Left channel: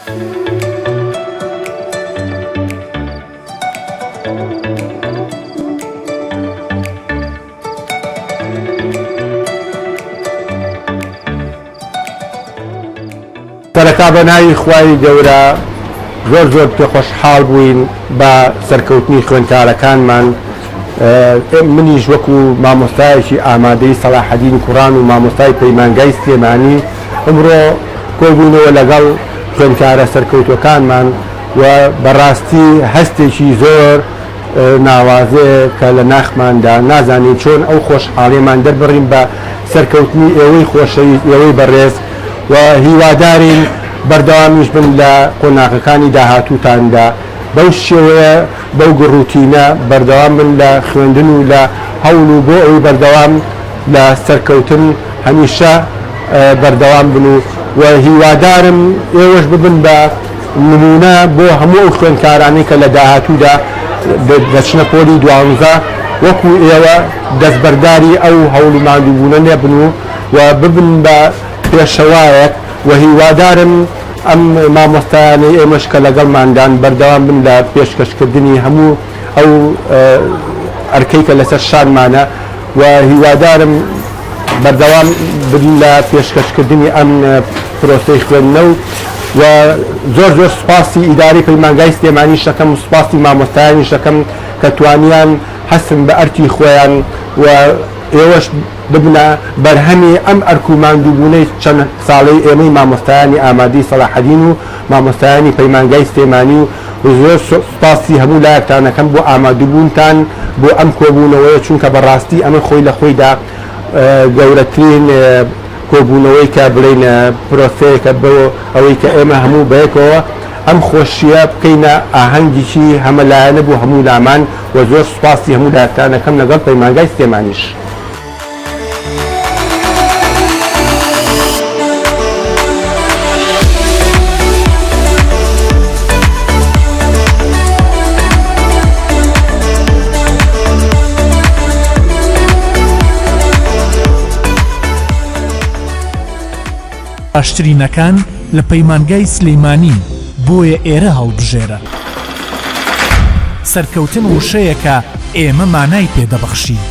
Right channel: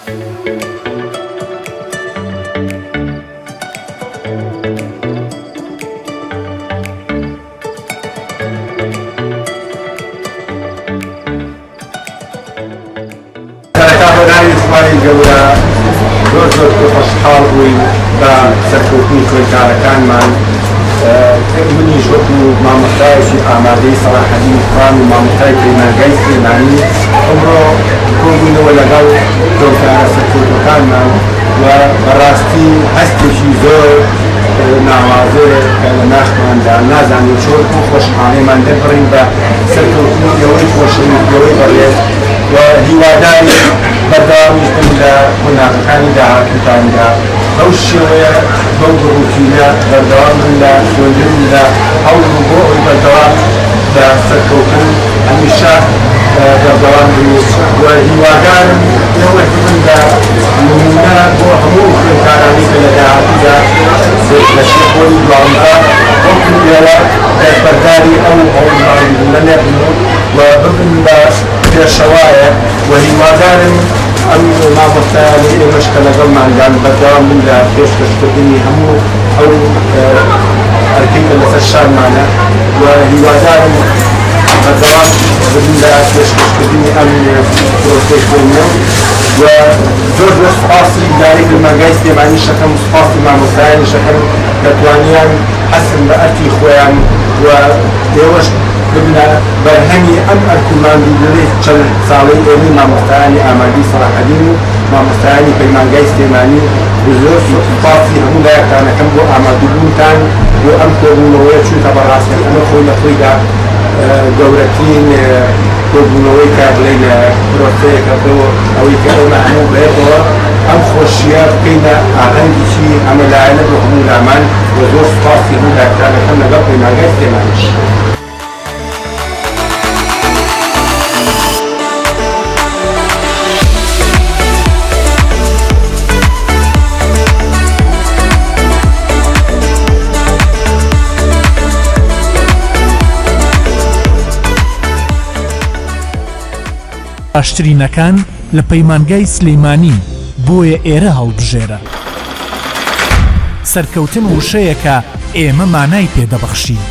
سەرەتا بەناوی خوای گەورە زۆر زۆر خۆشحاڵ بووین بە سەرکەوتنی خوێندکارەکانمان. منیش وەکو مامۆستایەکی ئامادەی سەلاحەدین قورآن و مامۆستای پەیمانگای سلێمانی ئەمڕۆ کۆبوونەوە لەگەڵ خوێندکارە سەرکەوتوەکانمان و بەڕاستی هەستێکی زۆر ناوازەیە کە لە ناخماندا نازانین چۆن ئەو خۆشحاڵیمان دەبڕین بە سەرکەوتنی ئێوەی خۆشەویست ئێوەی بەڕێز و هیواداری بەردەوامیش بن لە کۆناغەکانی داهاتووتاندا بەو شێوەیە بەو گڕووکینە بەردەوام من لە خوێندن و لە هەوڵ بۆ ئەوی بەردەوام لە سەرکەوتن هەمیشە بەردەوام بن و هیوادارم ئێوەش ببن بە نمونە بۆ هەموو خوێندکارانی کە لە داهاتوودا دەچنە خۆری دواوەنزە وەکو ئێوە دەستبەرداری ئەو هەوڵماندبوونە لێبن و ببن بە پێشەوایە و هیوادارم ئەم مامۆستایانی ئێمەش کە لەگەڵماندان بەردەوام بن لە پێشکەشکردنی هەموو ئەو ئەرکەی کە لەسەر شانمانە و هیوادارم بەردەوام بن لە پێشکەشکردنی ئەم پرۆفێشنەلە و زۆر زۆر سوپاسی ئیدارەی پەیمانگای سلێمانیش دەکەم و سوپاسی مامۆستایانیش دەکەم کە توانیان هەستن بە ئەرکی خۆیان و ئێوەش ببنە بەرهەمی ئەم ئەرکوماندوونەی چەند ساڵەی ئێمەی مامۆستایانی ئامادەی سەلاحەدین و مامۆستایانی پەیمانگای سلێمانی و زۆر سوپاسی هەموو لایەکانەکەم بۆ ئامادەبوونتان بۆ ئەم کۆبوونەوەیە چونکە بەڕاستی ئەمە خۆی لە خۆیدا گەورەترین کۆبوونەوەی کە بڵێنە پرۆسەیەکە بۆ ئەوەی کە ئێمە هەموو بەیەکەوە ئەم خۆشیە بکەینە ئاهەنگێکی هەمەلایەنە بۆ هەموو لامان و زۆر سوپاسی هەموو لایەکانەکەم لەگەڵ پەیمانگای سلێمانیش. باشترینەکان لە پەیمانگای سلەیمانی بۆیە ئێرە هەڵبژێرە. سەرکەوتن وشەیەکە ئێمە مانای پێدەبەخشین.